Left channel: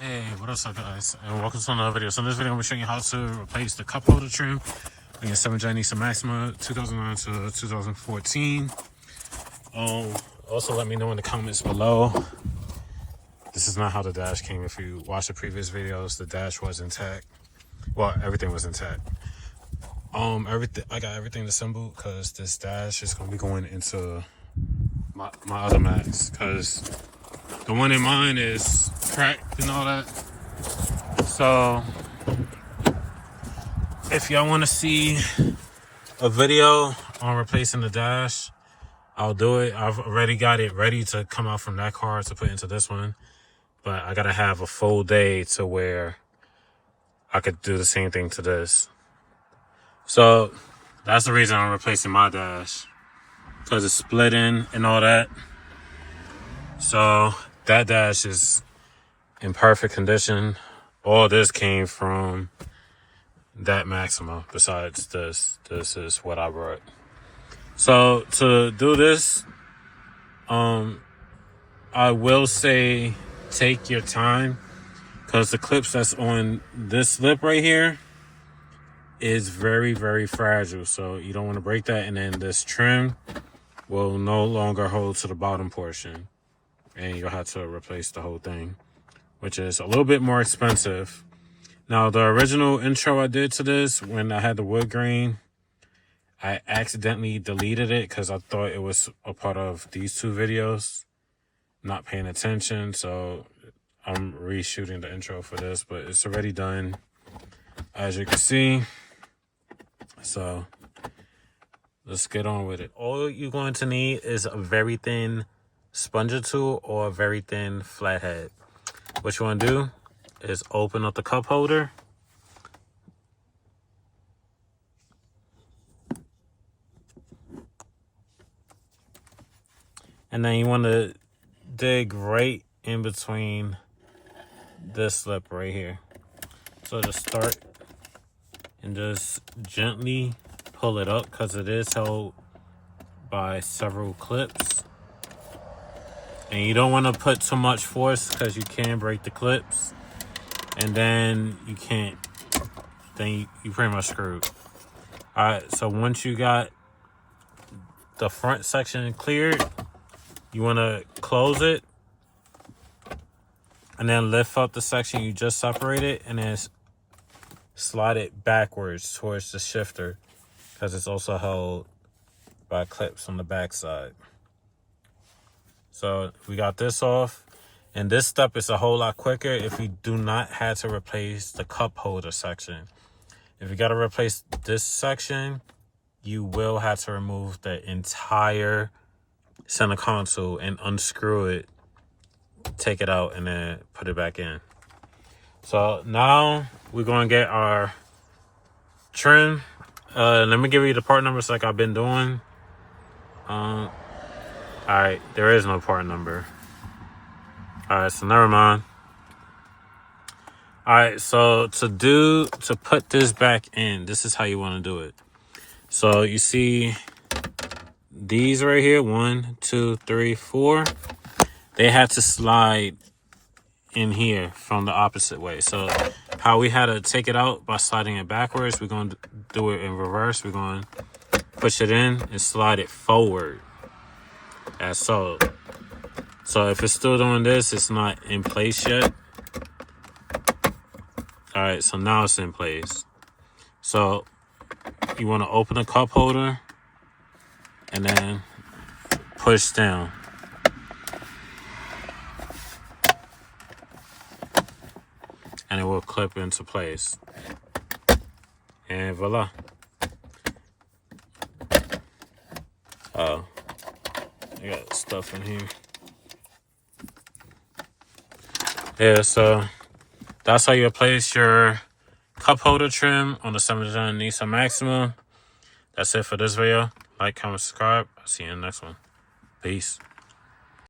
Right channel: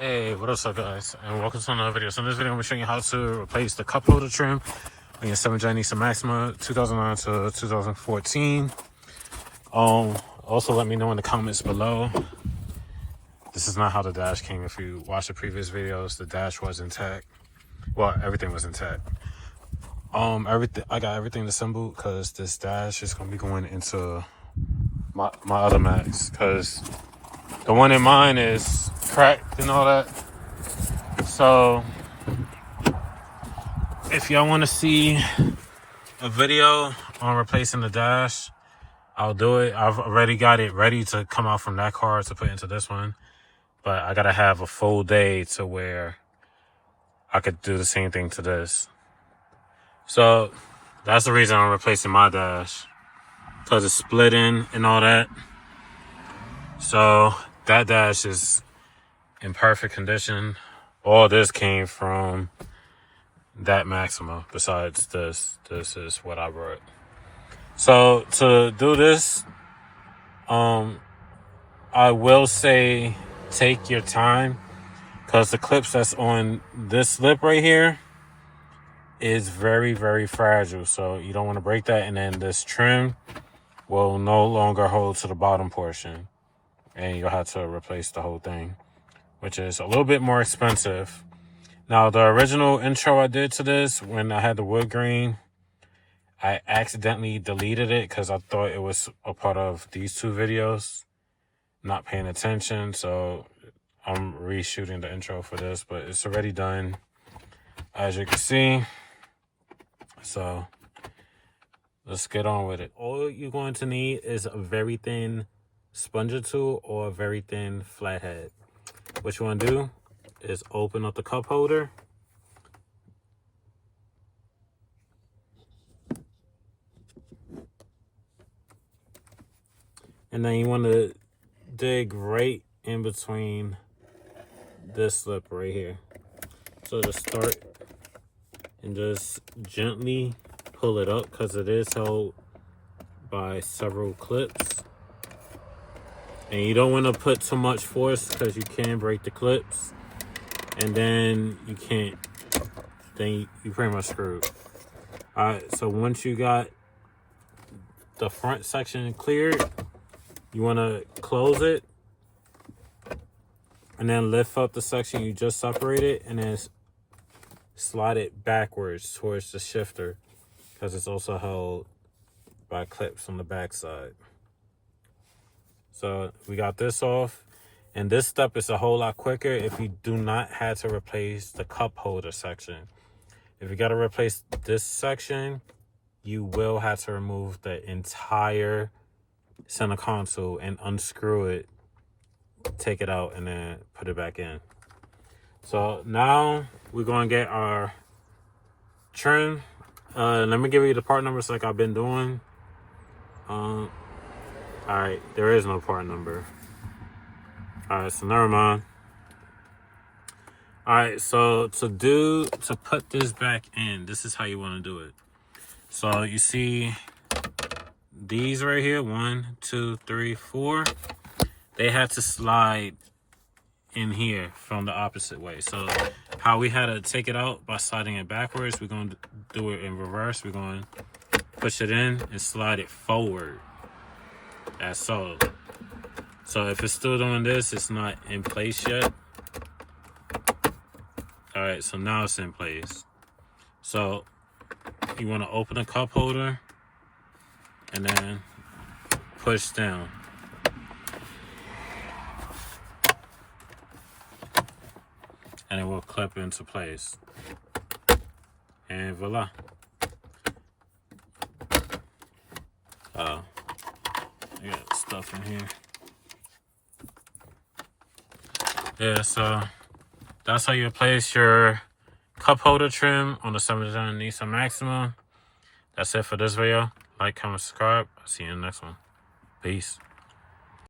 Hey, what up guys, and welcome to another video. So in this video I'm going to show you how to replace the cup holder trim on your 7-gen Nissan Maxima 2009 to 2014. Also let me know in the comments below. This is not how the dash came. If you watch the previous videos, the dash was intact. Well, everything was intact. I got everything assembled because this dash is going to be going into my other Max, because the one in mine is cracked and all that. So if y'all want to see a video on replacing the dash, I'll do it. I've already got it ready to come out from that car to put into this one, but I gotta have a full day to where I could do the same thing to this. So that's the reason I'm replacing my dash, because it's splitting and all that. So that dash is in perfect condition. All this came from that Maxima. Besides this is what I brought. So to do this, I will say take your time, because the clips that's on this lip right here is very, very fragile. So you don't want to break that, and then this trim will no longer hold to the bottom portion, and you'll have to replace the whole thing, which is a little bit more expensive. Now, the original intro I did to this, when I had the wood grain, I accidentally deleted it because I thought it was a part of these two videos, not paying attention. So I'm reshooting the intro for this, but it's already done, as you can see. So let's get on with it. All you're going to need is a very thin sponger tool or a very thin flathead. What you want to do is open up the cup holder, and then you want to dig right in between this lip right here. So just start and just gently pull it up, because it is held by several clips. And you don't want to put too much force, because you can break the clips, and then you can't, then you pretty much screwed. All right, so once you got the front section cleared, you want to close it and then lift up the section you just separated, and then slide it backwards towards the shifter, because it's also held by clips on the back side. So we got this off, and this step is a whole lot quicker if you do not have to replace the cup holder section. If you got to replace this section, you will have to remove the entire center console and unscrew it, take it out, and then put it back in. So now we're going to get our trim. Let me give you the part numbers like I've been doing. All right, there is no part number. All right, so never mind. All right, so to put this back in, this is how you want to do it. So you see these right here, 1, 2, 3, 4. They had to slide in here from the opposite way. So how we had to take it out by sliding it backwards, we're going to do it in reverse. We're going to push it in and slide it forward, as so. So if it's still doing this, it's not in place yet. All right, so now it's in place. So you want to open the cup holder and then push down. And it will clip into place. And voila. I got stuff in here. Yeah, so that's how you place your cup holder trim on the 7-gen Nissan Maxima. That's it for this video. Like, comment, subscribe. I'll see you in the next one. Peace.